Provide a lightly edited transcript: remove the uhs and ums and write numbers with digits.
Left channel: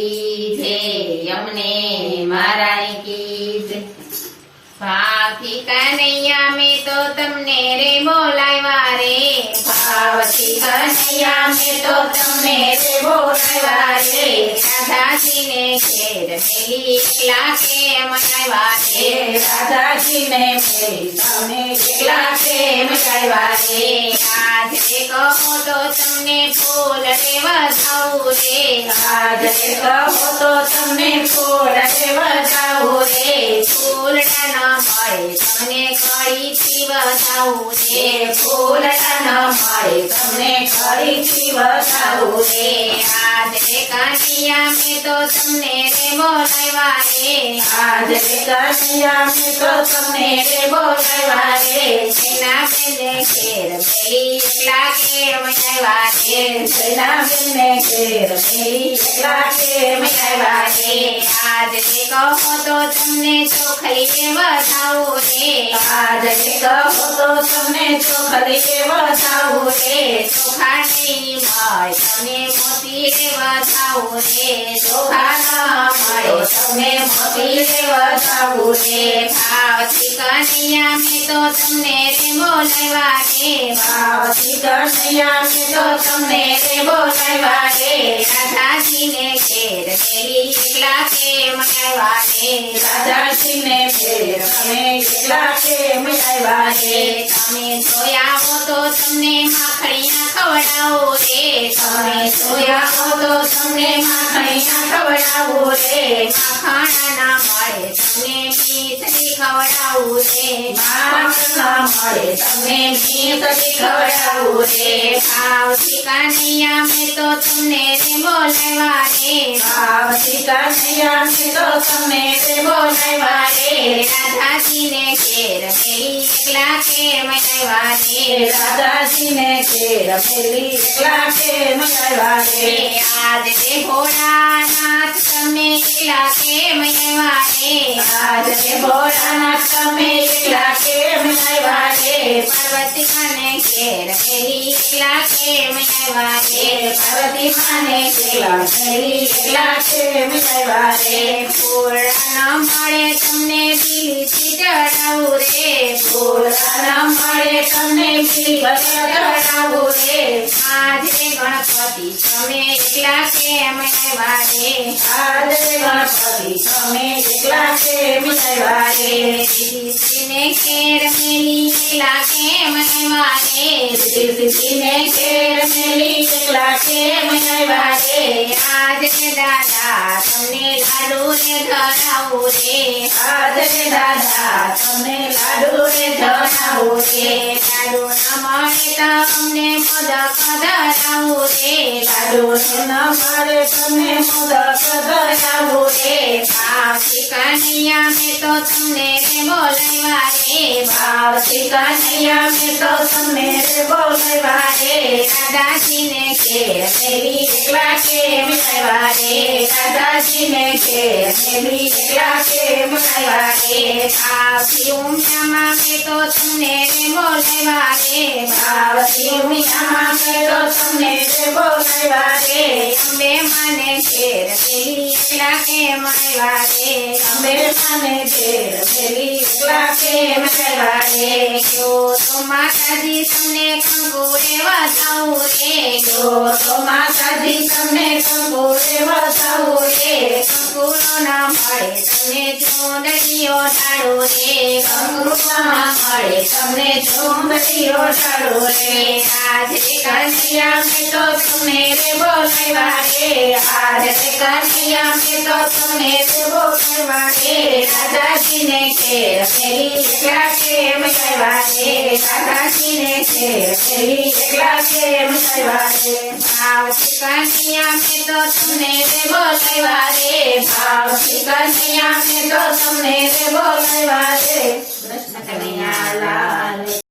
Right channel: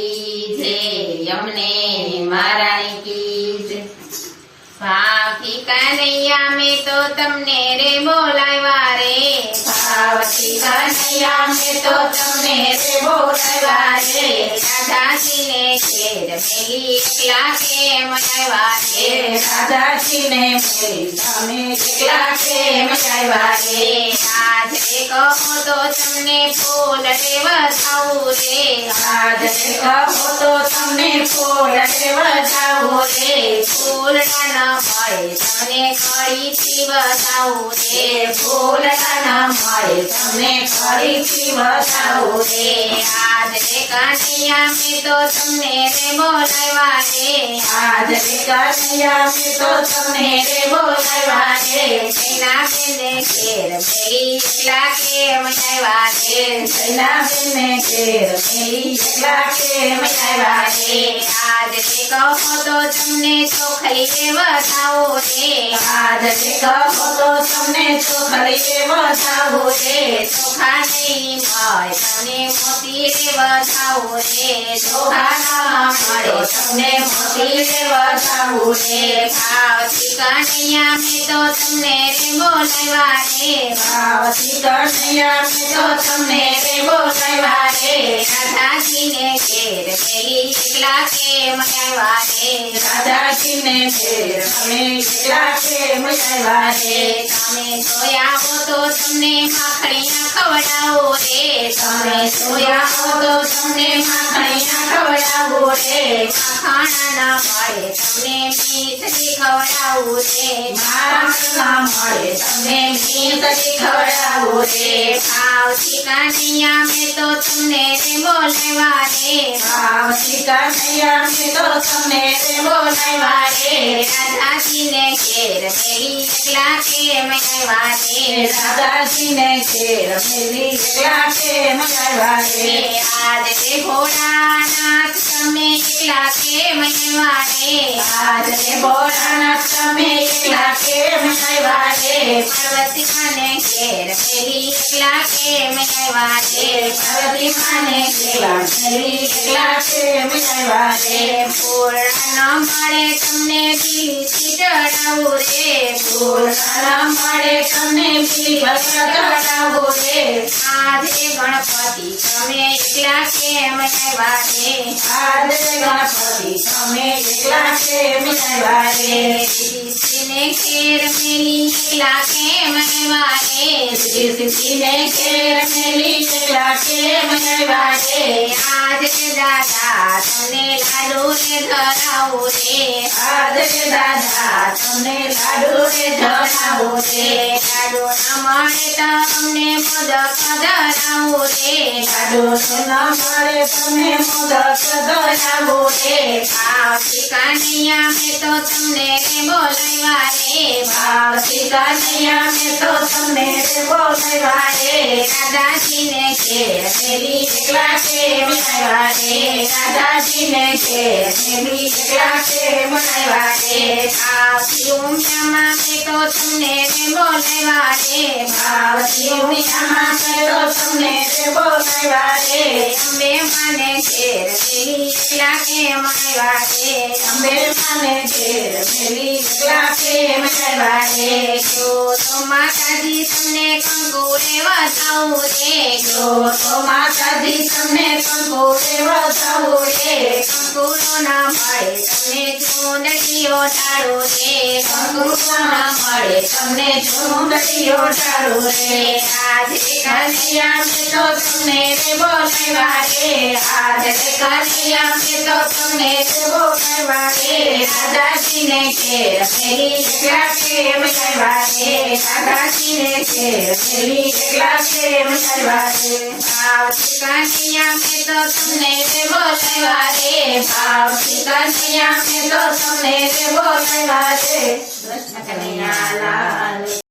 जय अमने महारानी की जय। भावती कन्हैया में तो तुमने रे बोलावा रे, भावती कन्हैया में तो तुमने रे बोलावा रे। राधा जी ने खेर मेरी एकला के मनावा रे, राधा जी ने मेरी एकला के मनावा रे। आज रे कहो तो तुमने फूल रे बधाऊ रे, आज रे कहो तो तुमने फूल रे बधाऊ रे। फूल न મળે તમને ફરીથી બતાવું રે, ફૂલ ન મળે તમને ફરીથી બતાવું રે। આજ રે કન્હૈયા મેં તો તમને રે બોલાવ્યા રે, આજ રે કન્હૈયા મેં તો તમને રે બોલાવ્યા રે। સેના બેને ઘેર મેરી એકલા કેમ આવ્યા રે, સેના બેને ઘેર મેરી એકલા કેમ આવ્યા રે। આજ રે કહો તો તમને ચોખલી રે બતાવું રે, આજ રે કહો તો તમને ચોખલી રે બતાવું રે। ચોખા નહીં મળે તમને મોતી રે બતાવું રે, ચોખા ન મળે તમને મોતી રે બતાવું રે। ભાવતી કન્હૈયા મેં તો તમને રે બોલાવ્યા રે, ભાવતી કન્હૈયા મેં તો તમને રે બોલાવ્યા રે। રાધાજીને ઘેર મેરી એકલા કેમ આવ્યા રે, રાધાજીને ઘેર અમે એકલા કેમ આવ્યા રે। તમે જોયા હો તો તમને માખણિયા ખવડાવો રે, તમે જોયા હો તો તમને માખણિયા ખવડાવો રે। માખણ ના મળે તમને મીઠડી ખવડાવું રે, માખણ ના મળે તમને મીઠડી ખવડાવું રે। ભાવતી કન્હૈયા મેં તો તમને રે બોલાવ્યા રે, ભાવતી કન્હૈયા મેં તો તમને રે બોલાવ્યા રે। રાધાજીને ઘેર મેરી એકલા કેમ આવ્યા રે, રાધાજીને ઘેર મેરી એકલા કેમ આવ્યા રે। આજ રે ભોળાનાથ તમે એકલા કેમ આવ્યા રે, આજ રે ભોળાનાથ તમે એકલા કેમ આવ્યા રે। પાર્વતી માને ઘેર મેરી એકલા કેમ આવ્યા રે, પાર્વતી માને ઘેર મેરી એકલા કેમ આવ્યા રે। ફૂલ ન મળે તમને બીલીથી ચડાવું રે, ફૂલ ન મળે તમને બીલીથી ચડાવું રે। આજ રે ગણપતિ તમે એકલા કેમ આવ્યા રે, આજ રે ગણપતિ તમે એકલા કેમ આવ્યા રે। બીલીને ઘેર મેલી એકલા કેમ આવ્યા રે, બીલીને ઘેર મેલી એકલા કેમ આવ્યા રે। આજ રે દાદા તમને લાડુ રે ધરાવું રે, આજ રે દાદા તમને લાડુ રે ધરાવું રે। લાડુ ન મળે તો અમને મોદક ધરાવું રે, લાડુ ન મળે તમને મોદક ધરાવું રે। ભાવતી કન્હૈયા મેં તો તમને રે બોલાવ્યા રે, ભાવતી કન્હૈયા મેં તો તમને રે બોલાવ્યા રે। રાધાજીને ઘેર મેરી એકલા કેમ આવ્યા રે, રાધાજીને ઘેર મેરી એકલા કેમ આવ્યા રે। ભાવતી ઉમિયામાં મેં તો તમને રે બોલાવ્યા રે, ભાવતી ઉમિયામાં મેં તો તમને રે બોલાવ્યા રે। અંબે માને ઘેર મેરી એકલા કેમ આવ્યા રે, અંબે માને ઘેર મેરી એકલા કેમ આવ્યા રે। જો તો માતાજી તમને કંકુ રે વધાવું રે, જો તો માતાજી તમને કંકુ રે વધાવું રે। કંકુ ન મળે તમને ચૂંદડીઓ ઢાળો રે, કંકુ ન મળે તમને ચૂંદડીઓ ઢાળો રે। આજ રે કન્હૈયા મેં તો તમને રે બોલાવ્યા રે, આજ રે કન્હૈયા મેં તો તમને રે બોલાવ્યા રે। રાધાજીને ઘેર મેરી એકલા કેમ આવ્યા રે, રાધાજીને ઘેર મેરી એકલા કેમ આવ્યા રે। ભાવતી કન્હૈયા મેં તો તમને રે બોલાવ્યા રે, ભાવતી કન્હૈયા મેં તો તમને રે બોલાવ્યા રે। કૃષ્ણ કનૈયા લાલ।